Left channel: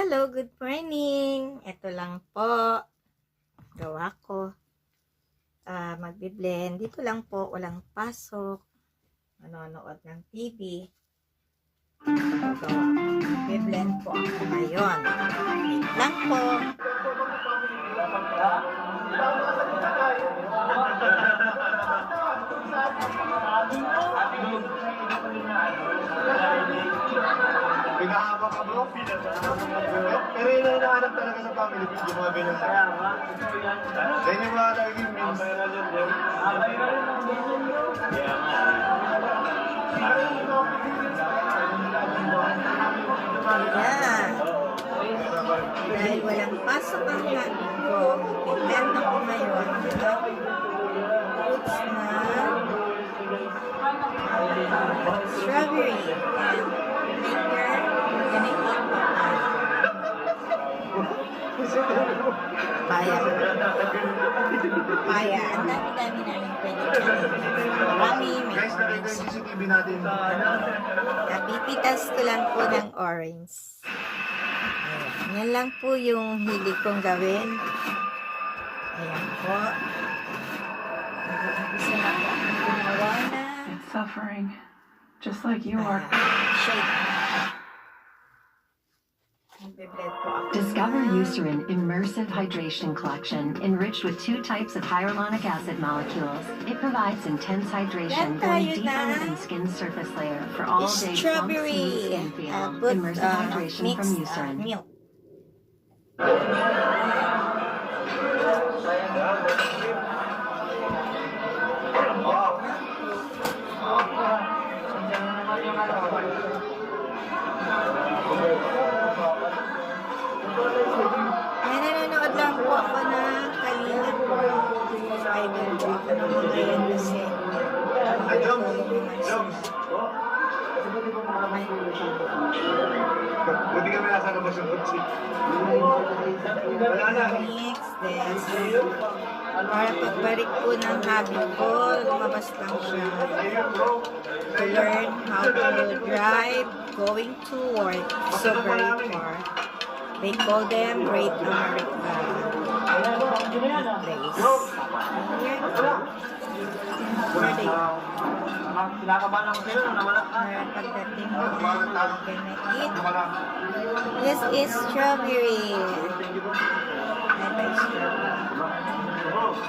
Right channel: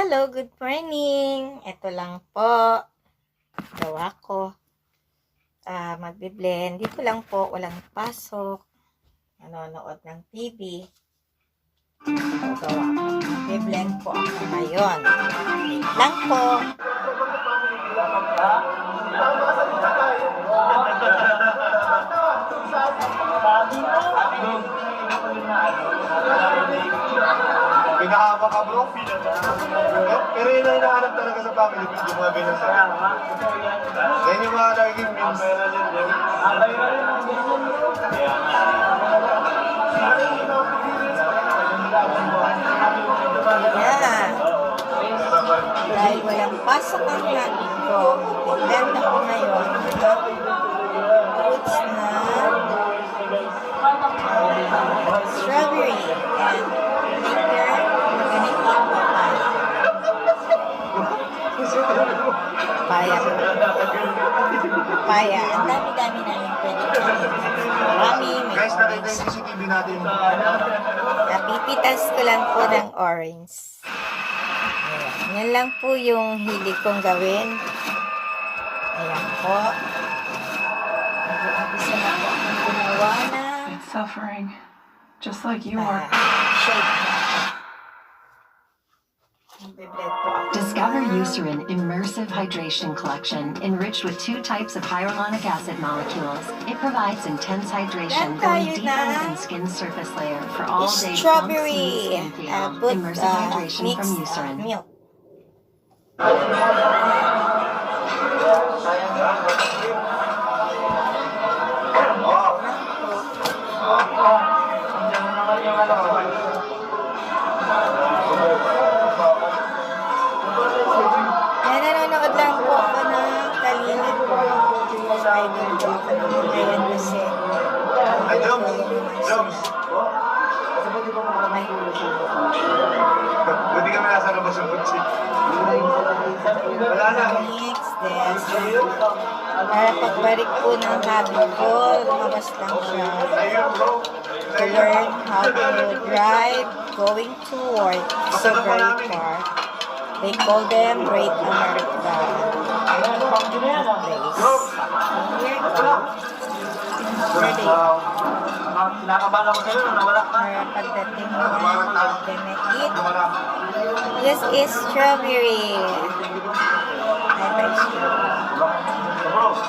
Hello, good morning. Ito lang po. Gawa ko. Magbe-blend. Dito lang po, walang pasok. Manonood ng TV. Ito gawa ko. Magbe-blend po ako ngayon. Wait lang po. Pinahaba ka bro, pero yun ang hinahanap talaga sa family feud, yung mga ganyan sa ganyan yung mga laging memes. Yan. Dahil walang pasok ang natin ko, mag-blend ako ngayon. Fruits na strawberry and later we're gonna eat papaya. Papaya. Ang dami-dami namin pwede. Marami. May Guys, nakita orange. yung CCTV natin. Napipitas ko lang po ng orange. Ayan. Yan lang po yung hilig kong gawin. Ayan po. Nag-umpisa na po akong gumawa na It's suffering, just like you are. shape. Nagbe-blend po ako. Discover Eucerin Immersive Hydration Collection, enriched with 2 types of hyaluronic acid molecules. It provides intense hydration, Yan going tayo deeper na. within skin's surface layer for all day plump, Strawberry. smooth skin feel. Put Immersive hydration from mixed Eucerin. milk. Yan, nanonood lang po ako ng Kalinit po. Idol po ako naman ngayon kasi Ay, Joms! Joms! Buti kami nasa labas ng kutsi. Wala na. mix, then para pagbalik po ng hobby ko, lumabas lang siya Ayun bro. to learn how to drive going to work. So very far. They call them Great America place. Here you go. Ready. Kinakabahan ako sa'yo, nawala ka. Para pagdating mo, gonna eat. This is strawberry. I like strawberry.